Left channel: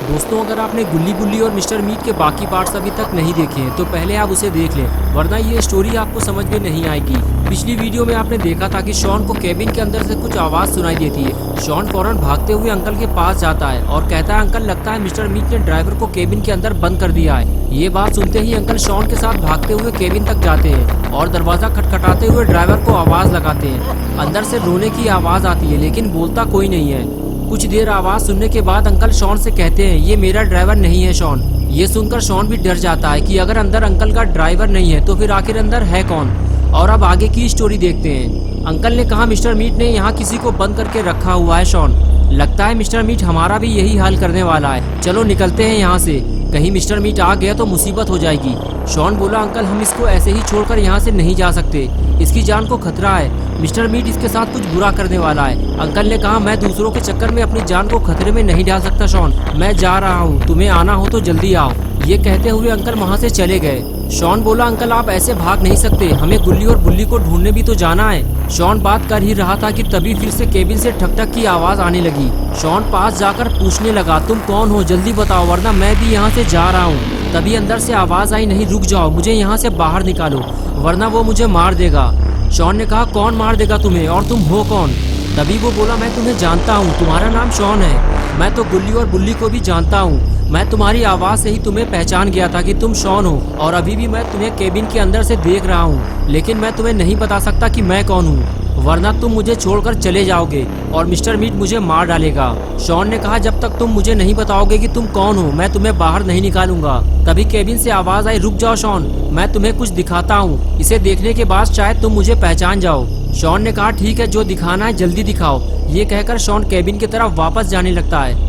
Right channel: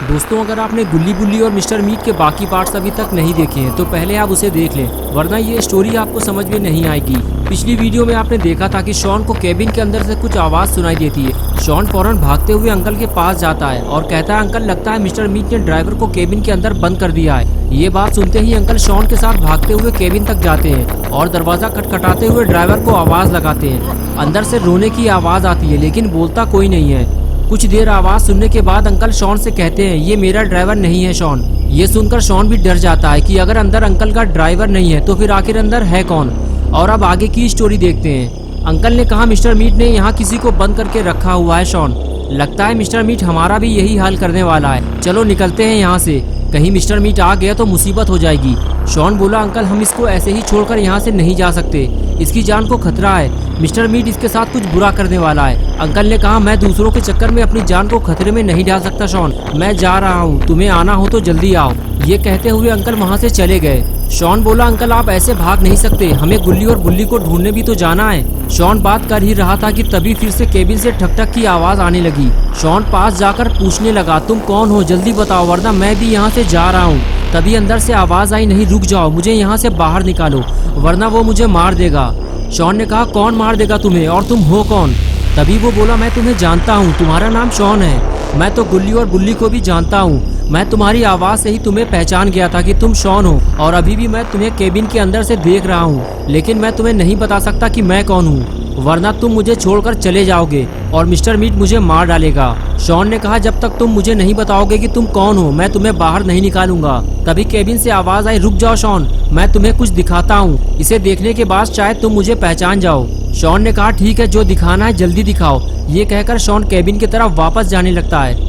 दोस्तों, अगर आपने गुल्ली बुल्ली और मिस्टर मीट के बाकी पार्ट्स अभी तक नहीं देखे हैं तो पहले आप उसे देख लें, वरना ये स्टोरी आपको समझ में नहीं आएगी। पिछली वीडियो में आपने देखा था कि शॉन को केबिन के अंदर से कुछ आवाज़ सुनाई देती है। शॉन फौरन भागते हुए अंकल के पास जाता है और कहता है, अंकल लगता है मिस्टर मीट ने ड्राइवर को केबिन के अंदर बंद कर दिया है। ये बात सुनते ही अंकल शॉन के साथ भागते हुए केबिन तक जाते हैं और दरवाजा खटखटाते हुए ड्राइवर को आवाज़ लगाते हैं। अंदर से रोने की आवाज़ आती है लेकिन बोलता कोई नहीं है। कुछ देर आवाज़ सुनने के बाद अंकल शॉन से कहते हैं, ये मेरा ड्राइवर नहीं है शॉन। ये सुनकर शॉन भी डर जाता है कि अगर अंदर अंकल का ड्राइवर नहीं है तो फिर आखिर अंदर है कौन। और अब आगे की स्टोरी देखते हैं। अंकल ने कहा, मिस्टर मीट ने यहाँ किसी को बंद करके रखा हुआ है शॉन। लगता है मिस्टर मीट हमारा भी यही हाल करने वाला है। चलो निकलते हैं यहाँ से, कहीं मिस्टर मीट आ गया तो मुसीबत हो जाएगी। शॉन बोला, अंकल हम इसको ऐसे ही छोड़कर यहाँ से नहीं जा सकते, इसकी जान को खतरा है। मिस्टर मीट इसके साथ कुछ बुरा करने वाला है। अंकल ने कहा, मैं दूसरों के चक्कर में अपनी जान को खतरे में नहीं डाल सकता शॉन, मैं जा रहा हूँ, तुम्हें आना हो तो जल्दी आओ। ये कहते हुए अंकल वहाँ से चले गए। शॉन बोला, अंकल आप ऐसे भाग नहीं सकते, हमें गुल्ली और बुल्ली को ढूंढने भी तो जाना है। शॉन बात कर ही रहा था कि तभी फिर से केबिन से ठक ठक की आवाज़ आने लगी। शॉन पास जाकर पूछने लगा, तुम कौन हो, जल्दी बताओ वरना मैं भी यहाँ से जा रहा हूँ। तभी अंदर से आवाज़ आई, नहीं रुक जाओ, मुझे यहाँ से बाहर निकालो वरना वो मुझे मार देगा। शॉन ने कहा, कौन मार देगा तुम्हें और तुम हो कौन? तभी वो बोला, मैं तुम्हें जानता हूँ, तुम्हारा नाम शॉन है, मैं तो गुल्ली और बुल्ली को भी जानता हूँ। मैं तुम्हारी आवाज़ से ही तुम्हें पहचान गया था कि तुम शॉन हो और अभी भी मैं तुम्हें केबिन के अंदर से देख रहा हूँ, लेकिन मैं तुम्हें नहीं बता सकता कि मैं कौन हूँ, वरना तुम मुझे छोड़कर चले जाओगे और मिस्टर मीट मुझे मार डालेगा। शॉन ने कहा, जब तक तुम मुझे नहीं बताओगे कि तुम कौन हो मैं तुम्हें बाहर नहीं निकालूंगा। तभी केबिन से आवाज़ आई, रुक जाओ शॉन, मैं तुम्हें कुछ दिखाता हूँ, इसे देखने के बाद शायद तुम मुझे पहचान जाओ। शॉन ने कहा, ठीक है, जो दिखाना है जल्दी दिखाओ। ये कहकर शॉन केबिन की तरफ वापस जाने लगता है।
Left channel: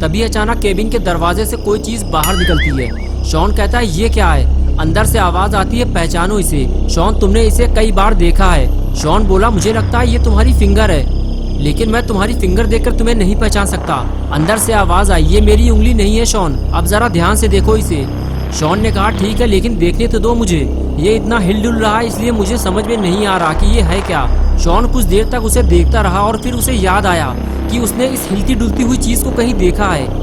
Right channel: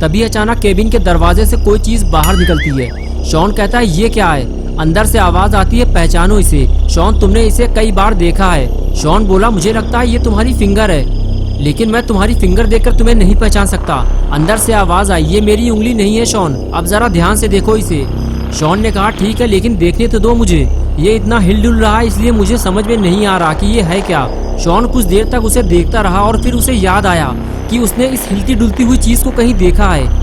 तभी अचानक केबिन के दरवाजे से कोई चीज बाहर निकलती है। शॉन कहता है, ये क्या है? अंदर से आवाज आती है, पहचानो इसे। शॉन, तुमने इसे कई बार देखा है। शॉन बोला, मुझे लगता है ये तुम्हारी फिंगर है, लेकिन मैं तुम्हारी फिंगर देखकर तुम्हें नहीं पहचान सकता। अंदर से आवाज आई, ये मेरी उंगली नहीं है शॉन, अब जरा ध्यान से देखो इसे। शॉन ने कहा, ठीक है, लेकिन देखने तो दो मुझे, ये इतना हिल-डुल रहा है इसलिए मुझे समझ में नहीं आ रहा कि ये है क्या। शॉन कुछ देर तक उसे देखता रहा और फिर उसे याद आया कि उसने इस हिलती डुलती हुई चीज को कहीं देखा है।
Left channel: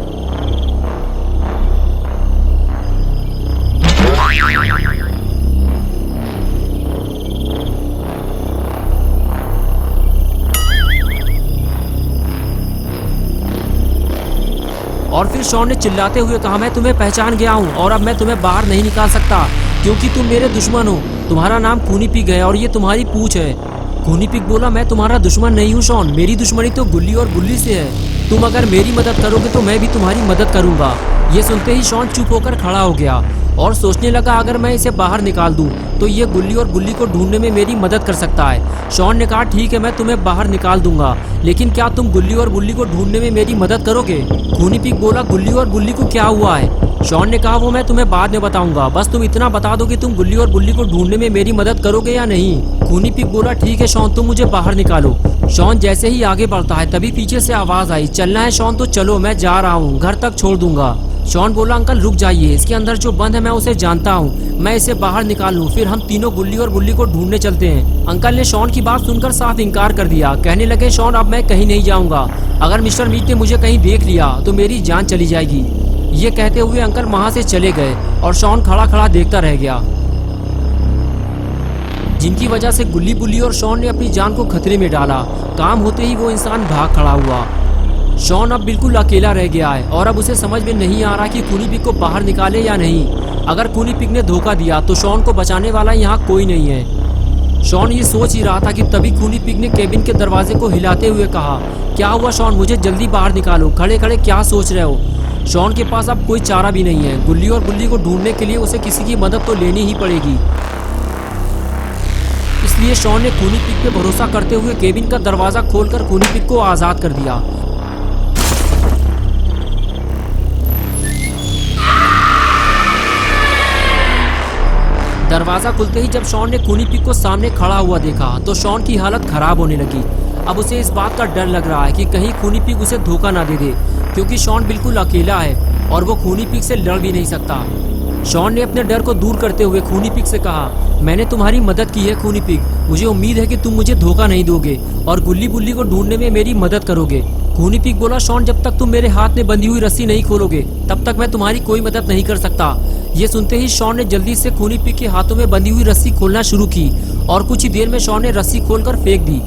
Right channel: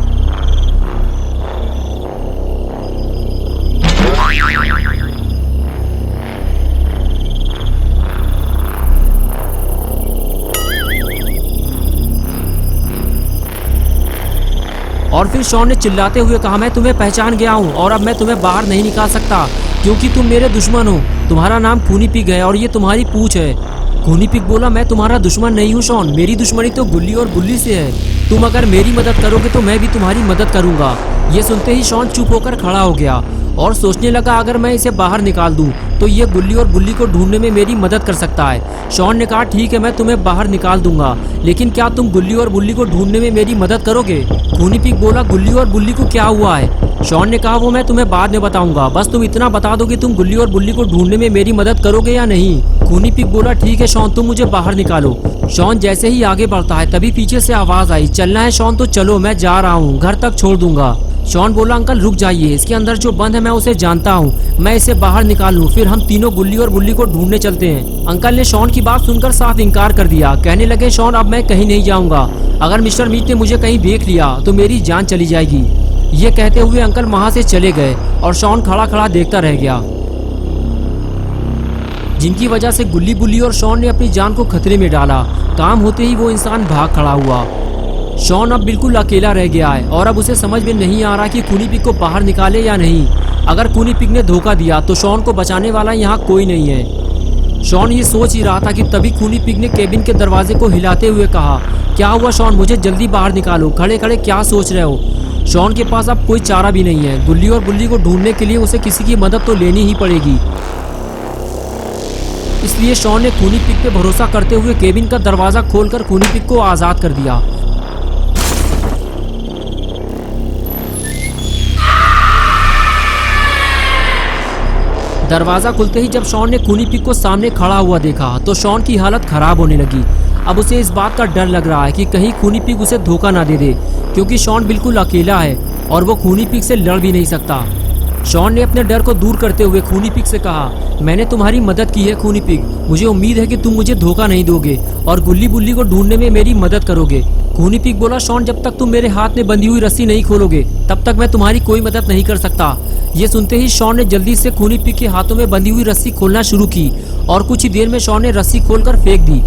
और फिर शॉन ने चिल्लाते हुए कहा, मैं तुम्हें पहचान गया हूँ और अब मैं तुम्हें बाहर नहीं निकाल सकता क्योंकि तुम मेरे दुश्मन हो। तुम्हारा नाम खूनी पिग है और ये तुम्हारी पूंछ है। खूनी पिग बोला, मैं तुम्हारा दुश्मन नहीं हूँ शॉन, मेरी दुश्मनी तो गुल्ली और बुल्ली से है। तुम अगर मेरी मदद करोगे तो मैं भी तुम्हारी मदद करूंगा। ये सुनते ही शॉन चुप होकर खड़ा हो गया और सोचने लगा, अगर मैं इसे बाहर निकाल दूं तो ये गुल्ली और बुल्ली को ढूंढने में मेरी मदद कर सकता है। शॉन ने कहा, ठीक है, मैं तुम्हें बाहर निकाल दूंगा, लेकिन क्या तुम गुल्ली और बुल्ली को ढूंढने में मेरी मदद करोगे? खूनी पिग बोला, गुल्ली और बुल्ली को क्या हुआ है? शॉन ने कहा, वो मैं तुम्हें बाद में बताऊंगा, बस तुम इतना बता दो कि तुम गुल्ली और बुल्ली को ढूंढने में मेरी मदद करोगे या नहीं। खूनी पिग बोला, ठीक है शॉन, तुम मुझे बाहर निकालो। शॉन जैसे ही आगे बढ़ता है तभी पीछे से आवाज आई, चलना है शॉन तो चलो, मैं जा रहा हूँ, घर तक छोड़ दूंगा। शॉन बोला, अंकल रुक जाइए, इसके अंदर जो बंद है मैं उसे जानता हूँ, मैं इसे बाहर निकाल लूँ, फिर हम तीनों गुल्ली और बुल्ली को ढूंढने चलते हैं। अंकल ने शॉन की बात सुनकर साफ इनकार कर दिया, कहने लगे, शॉन अब मैं कहीं नहीं जाऊंगा, अगर मिस्टर मीट ने मुझे कहीं देख लिया तो मेरी जान चली जाएगी। ये कहते हुए अंकल वहाँ से चले गए और शॉन खड़ा खड़ा देखता रह गया, जिनकी वजह से गुल्ली बुल्ली और शॉन ने अपनी जान को खतरे में डाला। काम होते ही वो इंसान भाग खड़ा हुआ। शॉन अब बिल्कुल अकेला रह गया है और अब उसे समझ में नहीं आ रहा कि खूनी पिग को बाहर निकाले या नहीं। अगर खूनी पिग ने धोखा दिया तो शॉन को बचाने वाला यहाँ कोई नहीं है। शॉन ये सोच ही रहा था कि तभी खूनी पिग ने केबिन के दरवाजे को हिलाते हुए कहा, क्या हुआ शॉन, मुझे जल्दी बाहर निकालो, खड़े खड़े क्या सोच रहे हो? शॉन के पास अब कोई चारा भी नहीं है, गुल्ली और बुल्ली को ढूंढने के लिए उसे किसी की मदद तो लेनी ही पड़ेगी। इसलिए शॉन ने खूनी पिग पे भरोसा करते हुए केबिन का दरवाजा खोलकर खूनी पिग को आजाद कर दिया। दरवाजा खुलते ही जब शॉन ने खूनी पिग को सामने खड़ा हुआ देखा तो शॉन की हालत खराब होने लगी। अब उसे इस बात का डर लग रहा है कि कहीं खूनी पिग उसे धोखा ना दे दे, क्योंकि शॉन बिल्कुल अकेला है और वो खूनी पिग से लड़ भी नहीं सकता। शॉन ने अपने डर को दूर करते हुए खूनी पिग से कहा, मैंने तुम्हारी मदद की है खूनी पिग, मुझे उम्मीद है कि तुम मुझे धोखा नहीं दोगे और गुल्ली बुल्ली को ढूंढने में मेरी मदद करोगे। खूनी पिग बोला, शॉन जब तक तुम मेरे हाथ में बंधी हुई रस्सी नहीं खोलोगे तब तक मैं तुम्हारी कोई मदद नहीं कर सकता। ये सुनते ही शॉन ने जल्दी से खूनी पिग के हाथों में बंधी हुई रस्सी खोलना शुरू की और कुछ ही देर में शॉन ने रस्सी खोलकर फेंक दी।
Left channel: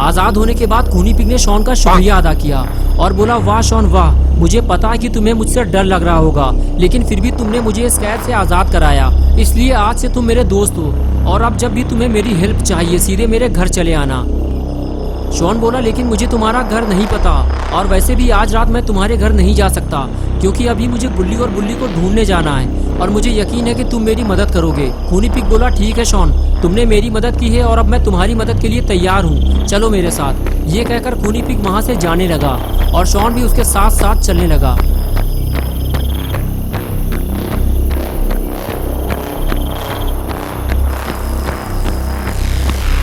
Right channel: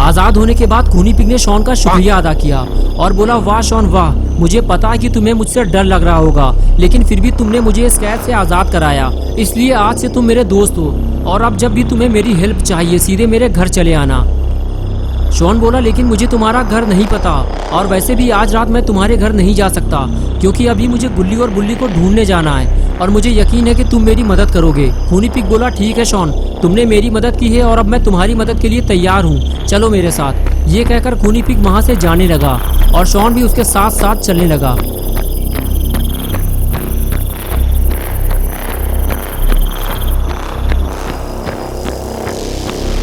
आजाद होने के बाद खूनी पिग ने शॉन का शुक्रिया अदा किया और बोला, वाह शॉन वाह, मुझे पता है कि तुम्हें मुझसे डर लग रहा होगा, लेकिन फिर भी तुमने मुझे इस कैद से आजाद कराया, इसलिए आज से तुम मेरे दोस्त हो और अब जब भी तुम्हें मेरी हेल्प चाहिए सीधे मेरे घर चले आना। शॉन बोला, लेकिन मुझे तुम्हारा घर नहीं पता और वैसे भी आज रात मैं तुम्हारे घर नहीं जा सकता क्योंकि अभी मुझे गुल्ली और बुल्ली को ढूंढने जाना है और मुझे यकीन है कि तुम मेरी मदद करोगे। खूनी पिग बोला, ठीक है शॉन, तुमने मेरी मदद की है और अब मैं तुम्हारी मदद के लिए तैयार हूँ, चलो मेरे साथ। ये कहकर खूनी पिग वहाँ से जाने लगा और शॉन भी उसके साथ साथ चलने लगा।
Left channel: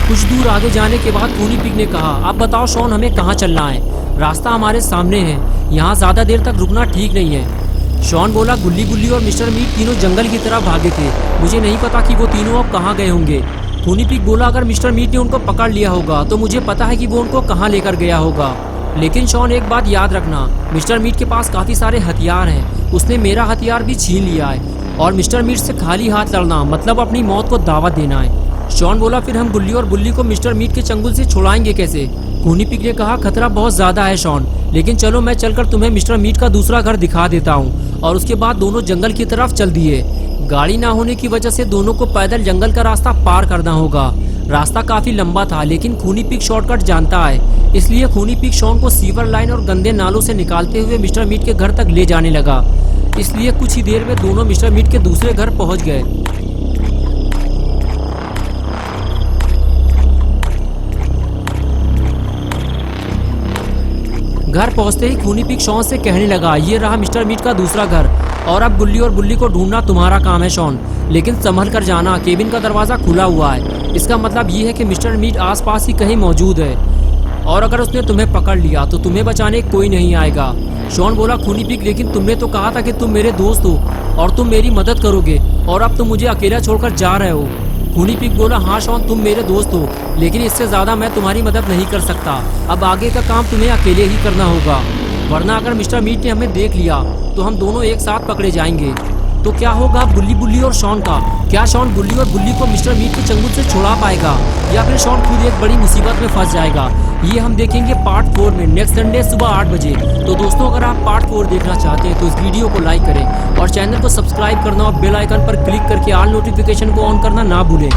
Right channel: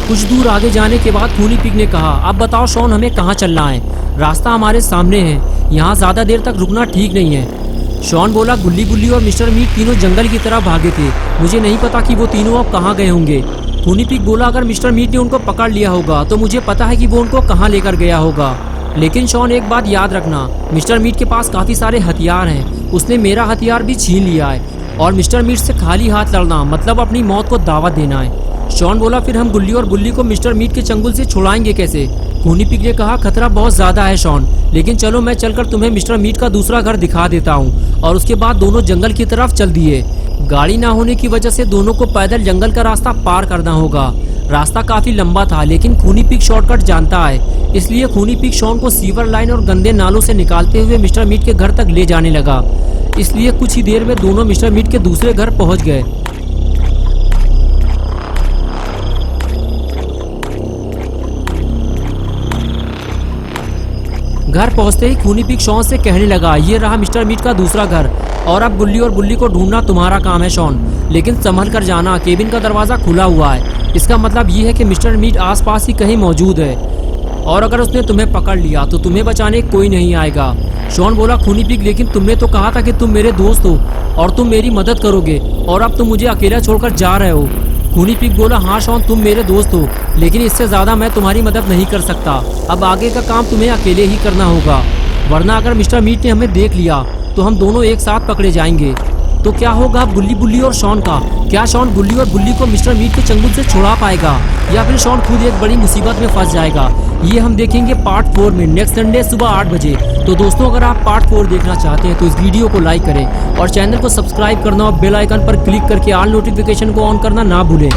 कुछ दूर आगे जाने के बाद खूनी पिग ने कहा, अब बताओ शॉन, हमें कहाँ चलना है? रास्ता हमारे सामने है, यहाँ ज्यादा देर तक रुकना ठीक नहीं है। शॉन बोला, गुल्ली बुल्ली और मिस्टर मीट तीनों जंगल की तरफ भागे थे, मुझे नहीं पता कि वो तीनों अब कहाँ गए होंगे। खूनी पिग बोला, अगर मिस्टर मीट ने उनको पकड़ लिया होगा तो मुझे पता है कि वो उनको कहाँ लेकर गया होगा, लेकिन शॉन एक बात याद रखना, मिस्टर मीट के पास काफी सारे हथियार हैं, उसने मेरा हथियार भी छीन लिया है और मिस्टर मीट से खाली हाथ लड़ना मतलब अपनी मौत को दावत देना है। शॉन बोला, फिर हम गुल्ली और बुल्ली को मिस्टर मीट के चंगुल से छुड़ाएंगे कैसे? खूनी पिग ने कहा, खतरा बहुत ज्यादा है शॉन, लेकिन चलो मैं चलकर तुम्हें मिस्टर मीट का दूसरा घर दिखा देता हूँ। और उसके बाद दोनों जंगल की तरफ चल दिए। गाड़ी ना होने की वजह से दोनों को पैदल जंगल का रास्ता पार करना होगा। रास्ता काफी लंबा था, लेकिन खूनी पिग शॉर्टकट जानता है, इसलिए खूनी पिग शॉन को सीवर लाइन और गंदे नालों से निकालते हुए मिस्टर मीट के घर तक ले जाने लगा। इसलिए कुछ ही देर में दोनों मिस्टर मीट के दूसरे घर पहुंच गए। घर पहुंचते ही खूनी पिग शॉन से कहने लगा, ये रहा मिस्टर मीट का दूसरा घर और अब गुल्ली और बुल्ली को ढूंढना तुम्हारा काम है शॉन, लेकिन संभल कर जाना, केबिन का दरवाजा खुला हुआ है, इसका मतलब ये है कि मिस्टर मीट आसपास ही कहीं मौजूद है और अगर उसने तुम्हें पकड़ लिया तो तुम्हें बचाने कोई नहीं आएगा। शॉन बोला, खूनी पिग, लेकिन तुमने तो कहा था कि तुम मेरे दोस्त हो और तुम मेरी मदद करोगे और अब तुम मुझे अकेला छोड़कर जा रहे हो। खूनी पिग बोला, हाँ शॉन, तुम मेरे दोस्त हो, लेकिन इससे ज्यादा मैं तुम्हारी मदद नहीं कर सकता, अब आगे का काम तुम्हें अकेले ही करना होगा, वरना अगर मिस्टर मीट ने हमें देख लिया तो हम दोनों एक साथ पकड़े जाएंगे। तो क्या होगा गुल्ली बुल्ली और शॉन का? क्या शॉन गुल्ली और बुल्ली को मिस्टर मीट के चंगुल से छुड़ा पाएगा या फिर शॉन खुद एक बड़ी मुसीबत में फंस जाएगा? ये हम देखेंगे पार्ट 4 में नेक्स्ट संडे सुबह 8 बजे। तो दोस्तों, अगर आप पार्ट 4 देखना चाहते हैं तो इस वीडियो को लाइक करें और चैनल को सब्सक्राइब करना और बेल आइकन पर क्लिक करके ऑल नोटिफिकेशन को ऑन करना ना भूलें।